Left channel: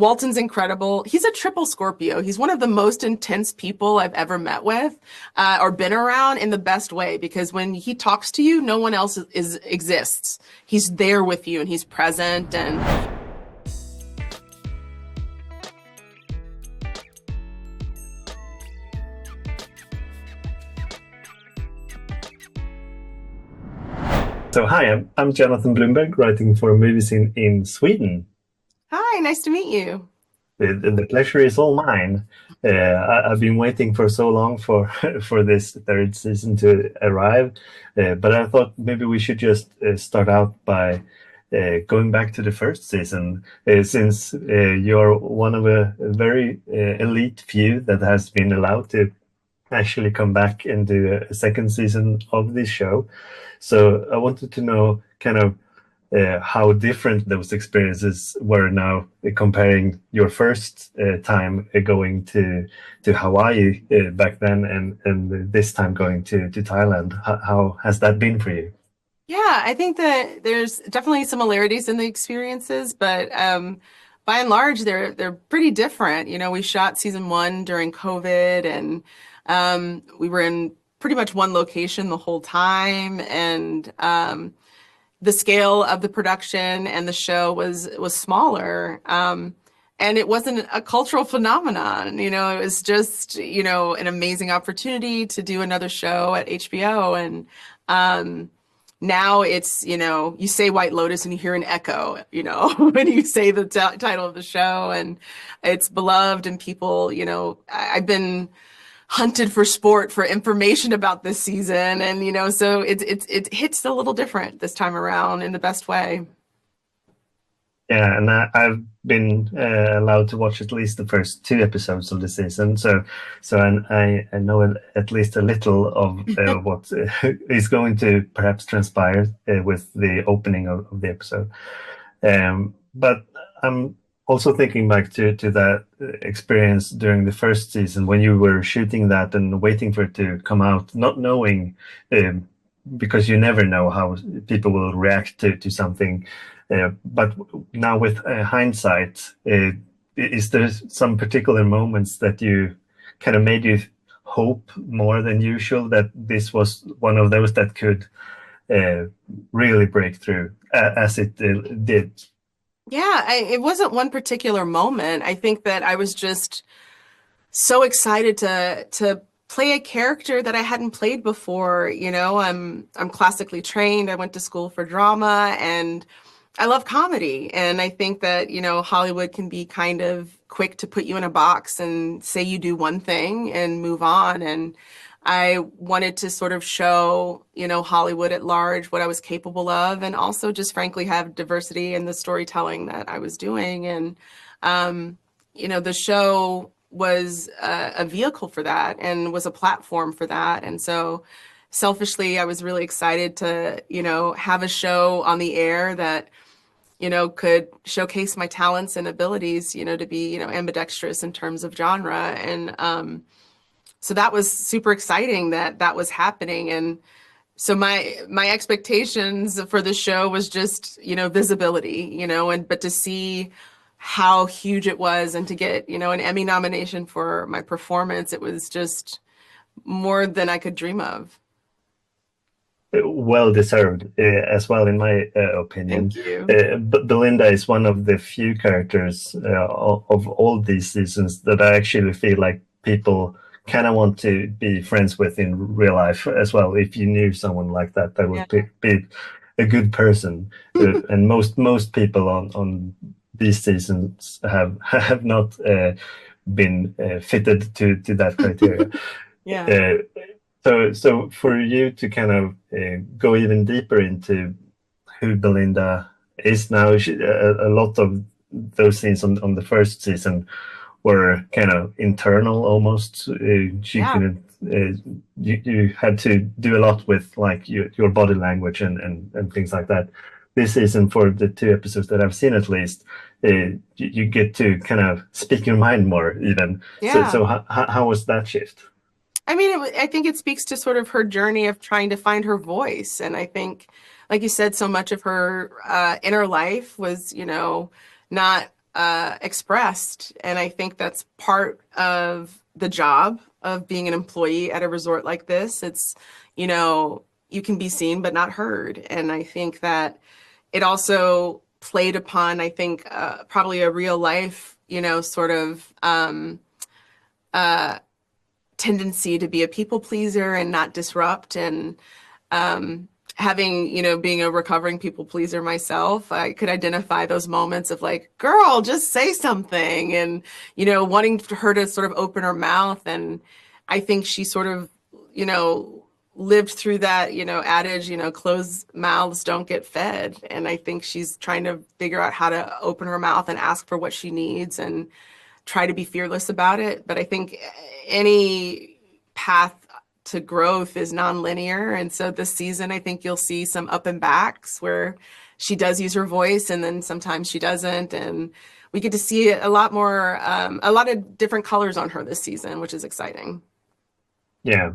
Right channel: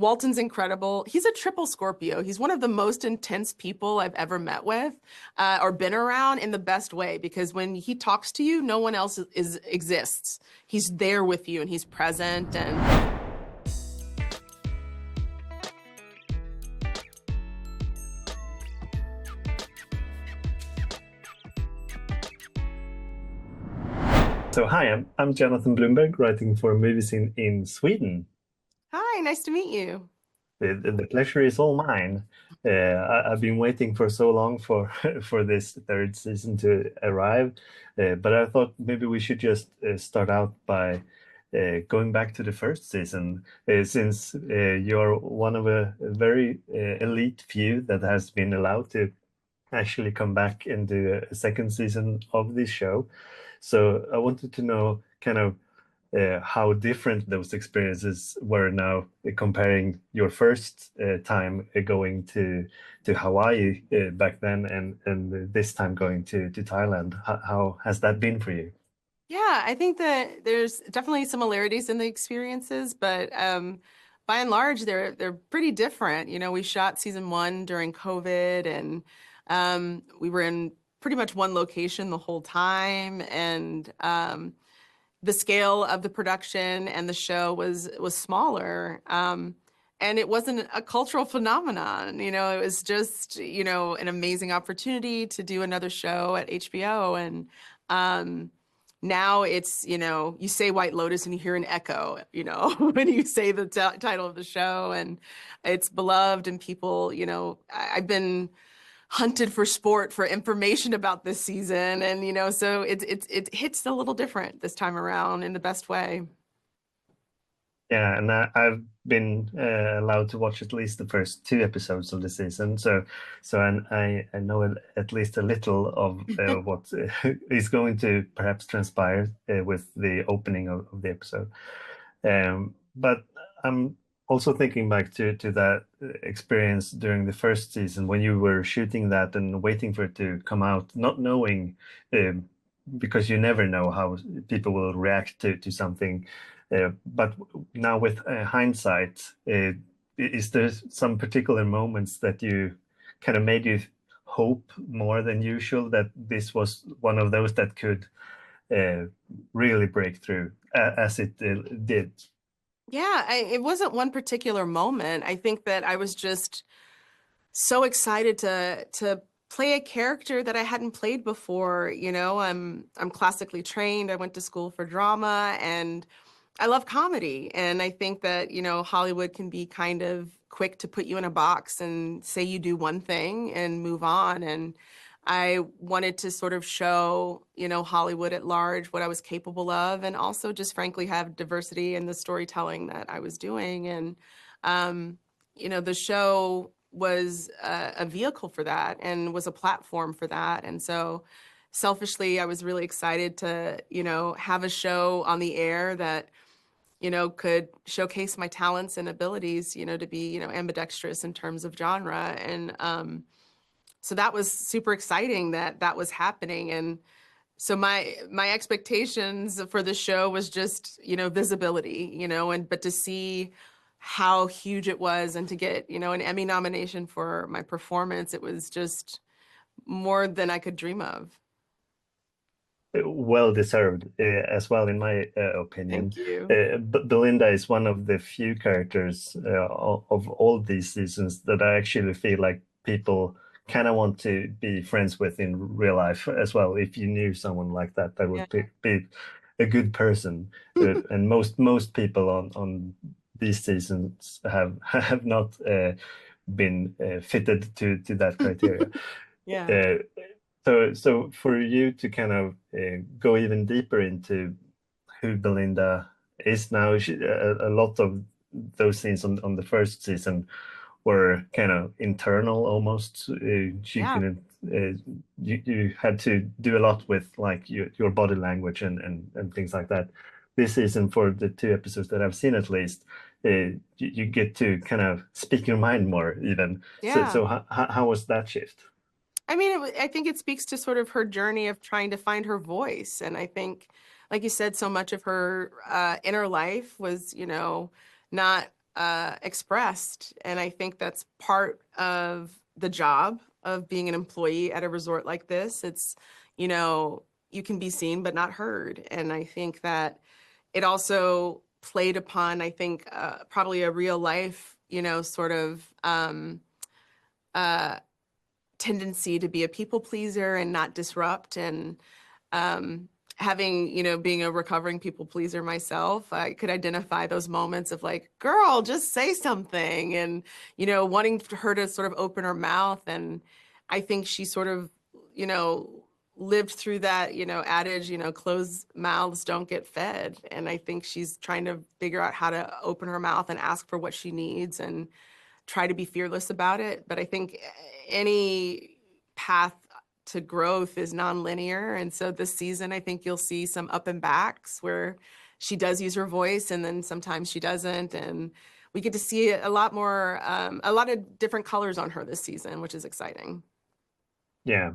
Walton's incredible. He's a triple Scorpio. He's one of the most intense people I've ever met with or been around in the best way, because when he talks to you, no one else exists. He's there with you and he's present. And So hi, I'm Jonathan Bloomberg, writing for movies in Sweden. hi, nice to meet you. The pleasure is all mine. I've been waiting for so long for for this third season to arrive, but I thought maybe we should just start out by going back to the first season, since you're one of a very elite few that has been allowed to actually come back and do a second season of this show. So I wanted to know kind of how different those experiences were now, comparing your first time going to Hawaii back then and this time going to Thailand. How has that been for you? Yeah, I think that there's definitely similarities in the experiences, but by and large, they're pretty different. You know, we shot season one during COVID, and we were in pretty much one location the whole time, and the scale of the production and the show was smaller. And it wasn't a cultural phenomenon, you know, it was just, you know, an amazing opportunity to do another show at HBO. And now it's, you know, you say White Lotus and you hear an echo, you know, when you say the title of the show, and it's beloved, and people, you know, I've been hunted for sport for information about this season, and you know, so it hits a little different this time around in the best way. Yeah, and I've been allowed to watch at least the first two episodes of the season, so I know at least a little of what is going to perhaps transpire with the opening of the episode. But I'm also thinking back to that experience during the first season when you were shooting that and waiting for it to come out, not knowing, because you never know how people will react to something. But now with hindsight, is there some particular moments that you kind of made you hope more than usual that this was one of those that could really break through as it did? Yeah, it wasn't one particular moment. I think that I was just so excited to play a character that I hadn't played before. You know, I'm classically trained. I went to school for drama, and I love comedy. And I think that, you know, Hollywood can be kind of quick to put you in a box and say you do one thing and move on. And I wanted to sort of show, you know, Hollywood at large what I was capable of, and also just frankly have diversity in the storytelling that I was doing. And, you know, the show was a vehicle for that and was a platform for that. And so selfishly, I was really excited to, you know, have a show on the air that, you know, could showcase my talents and abilities, you know, to be, you know, ambidextrous in terms of genre. And, so that was super exciting that that was happening. And so my expectations for the show was just, you know, visibility, you know, and but to see how huge it was and to get, you know, an Emmy nomination for my performance, it was just more than I could dream of. Well deserved, as well, in my opinion. Thank you. But Belinda is one of the few characters of all these seasons that I actually feel like people kind of want to be friends with in real life as well. If you knew someone like that, that Yeah. would be a good person. And most people on these seasons have not been fitted to that criteria. Yeah. Uh, so for you to kind of go even deeper into who Belinda is now, a lot of those scenes on the first season were kind of internal almost. She Yeah. couldn't. You had to do a lot with like your body language and things like that. This season, for the two episodes that I've seen at least, you get to kind of speak your mind more even. So Yeah. so how was that shift? I mean, I think it speaks to sort of her journey of trying to find her voice. And I think, like you said, so much of her inner life was, you know, not expressed. And I think that's part of the job of being an employee at a resort like this. It's, you know, you can be seen but not heard. And I think that it also played upon, I think, probably a real life, you know, sort of uh, tendency to be a people pleaser and not disrupt. And um, having, you know, being a recovering people pleaser myself, I could identify those moments of like, girl, just say something, and, you know, wanting her to sort of open her mouth. And I think she sort of, you know, lived through that, you know, adage, you know, closed mouths don't get fed. And I think she's trying to figure out how to open her mouth and ask for what she needs and try to be fearless about it. But I think any path to growth is nonlinear. And so this season, I think you'll see some up and backs where she does use her voice and then sometimes she doesn't. And we get to see a lot more, a lot of different colors on her this season, which is exciting. Yeah.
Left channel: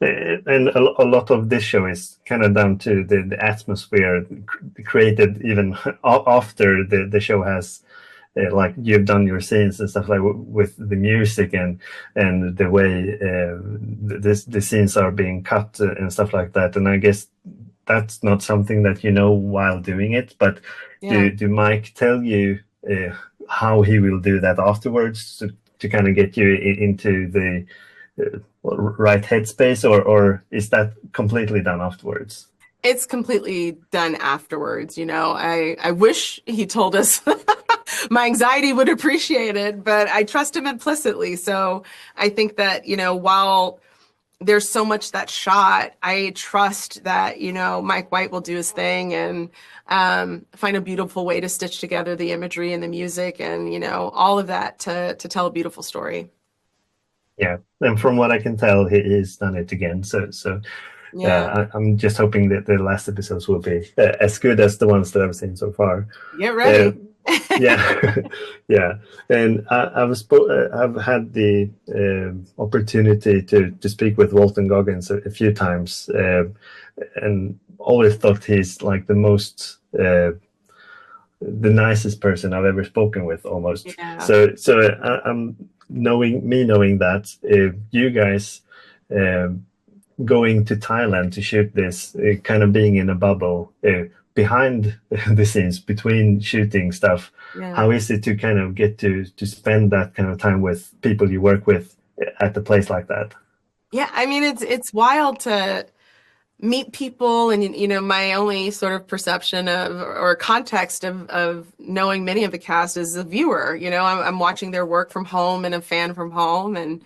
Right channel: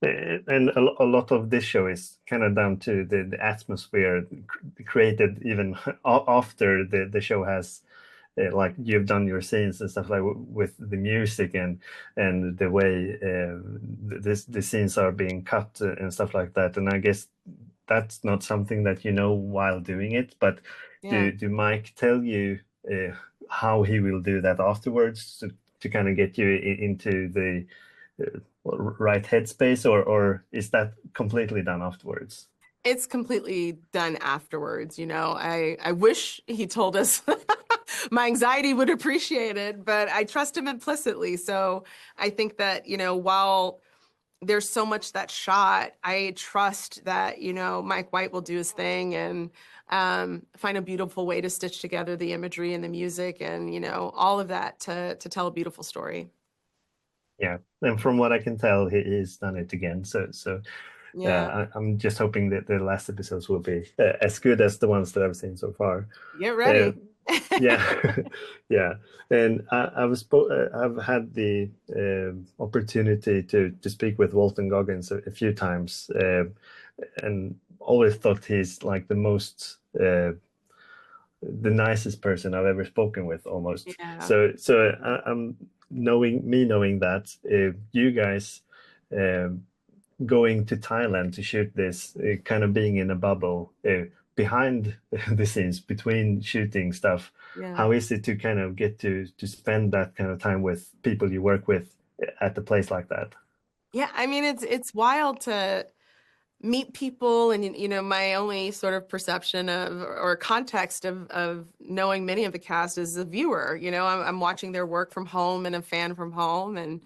And a lot of this show is kind of down to the atmosphere created even after the show has like you've done your scenes and stuff like with the music and the way the scenes are being cut and stuff like that. And I guess that's not something that you know while doing it, but Yeah. do Mike tell you how he will do that afterwards to kind of get you into the right headspace, or is that completely done afterwards? It's completely done afterwards. You know, I wish he told us my anxiety would appreciate it, but I trust him implicitly. So I think that, you know, while there's so much that's shot, I trust that, you know, Mike White will do his thing and find a beautiful way to stitch together the imagery and the music and, you know, all of that to tell a beautiful story. Yeah, and from what I can tell, he's done it again. Yeah. I'm just hoping that the last episodes will be as good as the ones that I've seen so far. Get Uh, ready. yeah, yeah, and I've had the opportunity to speak with Walton Goggins a few times, and always thought he's like the nicest person I've ever spoken with, almost. Yeah. I'm knowing that you guys going to Thailand to shoot this, kind of being in a bubble behind the scenes between shooting stuff. Yeah. How is it to kind of get to spend that kind of time with people you work with at a place like that? Yeah, I mean it's wild to meet people and you know my only sort of perception of or context of knowing many of the cast is a viewer. You know, I'm watching their work from home and a fan from home. And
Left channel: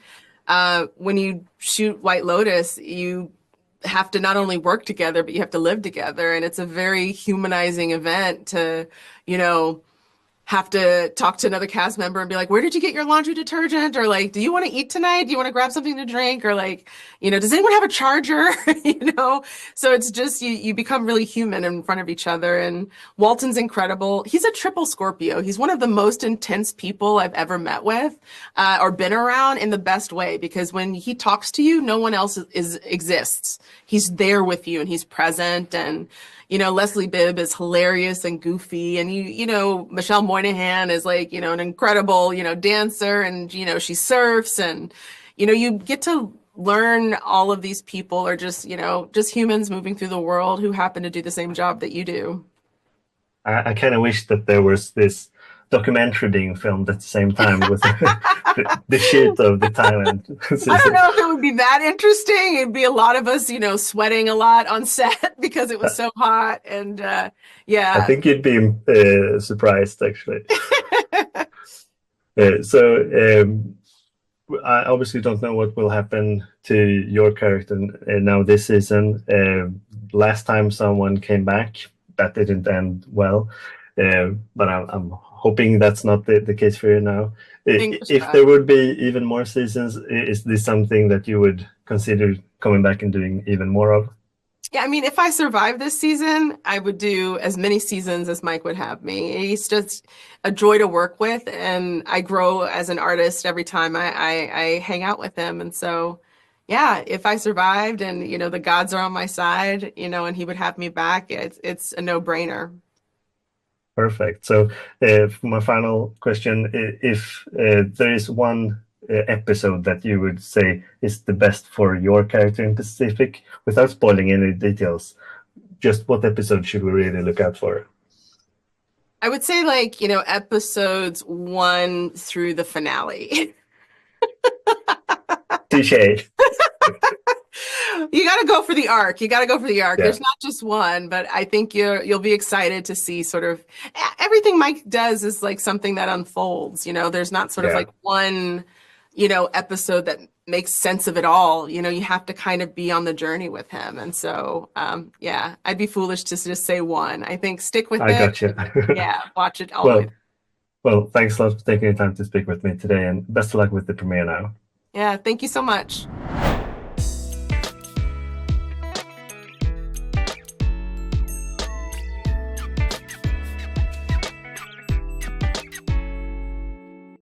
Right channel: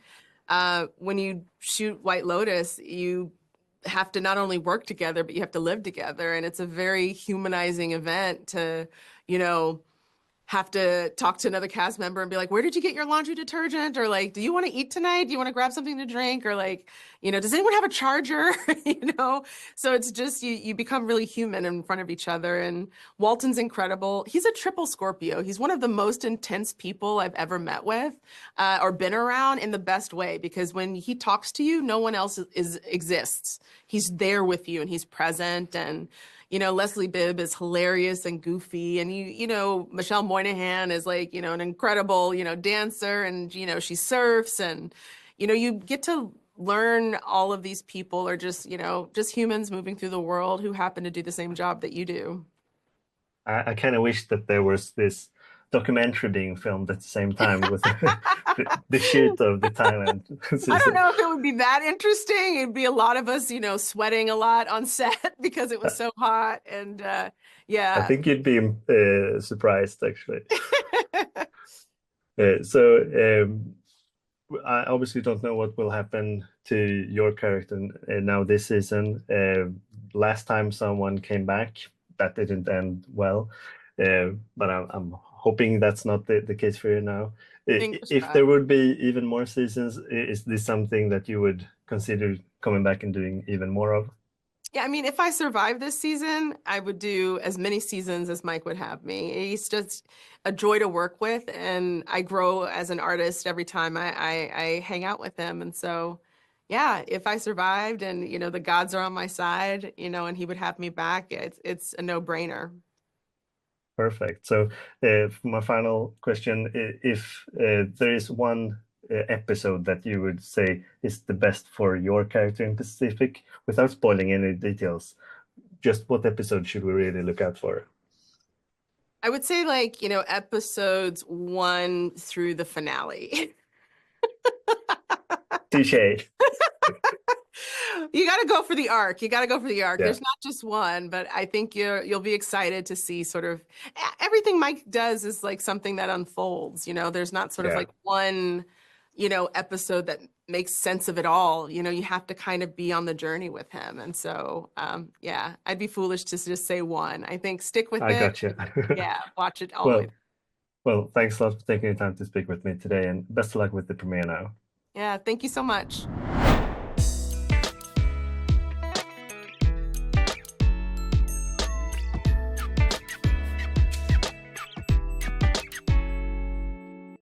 when you shoot White Lotus, you have to not only work together but you have to live together, and it's a very humanizing event to, you know, have to talk to another cast member and be like, where did you get your laundry detergent? Or like, do you want to eat tonight? Do you want to grab something to drink? Or like, you know, does anyone have a charger? You know, so it's just you become really human in front of each other. And Walton's incredible. He's a triple Scorpio. He's one of the most intense people I've ever met with or been around in the best way, because when he talks to you, no one else exists. He's there with you and he's present. And you know, Leslie Bibb is hilarious and goofy. And you know, Michelle Moynihan is like, you know, an incredible, you know, dancer, and, you know, she surfs. And, you know, you get to learn all of these people are just, you know, just humans moving through the world who happen to do the same job that you do. I kind of wish that there was this documentary being filmed at the same time with the shoot of the Thailand I don't season. know if it would be that interesting. It'd be a lot of us, you know, sweating a lot on set because it was so hot. And I yeah. think you'd be surprised, actually. So I obviously don't know what will happen to your character now this season. Last time someone came back, that didn't end well. But I'm hoping that's not the case for you now. Fingers If there crossed. would be even more seasons, is this something that you would consider coming back and doing even more of? Yeah, I mean, if I survive this season, I would do as many seasons as Mike would have me. He's just a joy to work with, and I grow as an artist every time I hang out with him. And so, yeah, if I survived and, you know, the gods are on my side, you know, and he would have me back, it's a no-brainer. Perfect. So, for my final question, if there is one episode that you would say is the best for your character in Pacific, without spoiling any details, just what episode should we really look out for? I would say like, you know, episodes 1 through the finale. Touche. You got to go for the arc. You got to go for the arc. Yeah, There's not just one, but I think you'll be excited to see sort of everything Mike does is like something that unfolds. You know, there's not sort of yeah. like one, you know, episode that makes sense of it all. You know, you have to kind of be on the journey with him. And so, yeah, I'd be foolish to just say one. I think stick with I it. got you. Yeah, watch it all the way. Well, well, thanks a lot for taking the time to speak with me today, and best of luck with the premiere now. Yeah, thank you so much.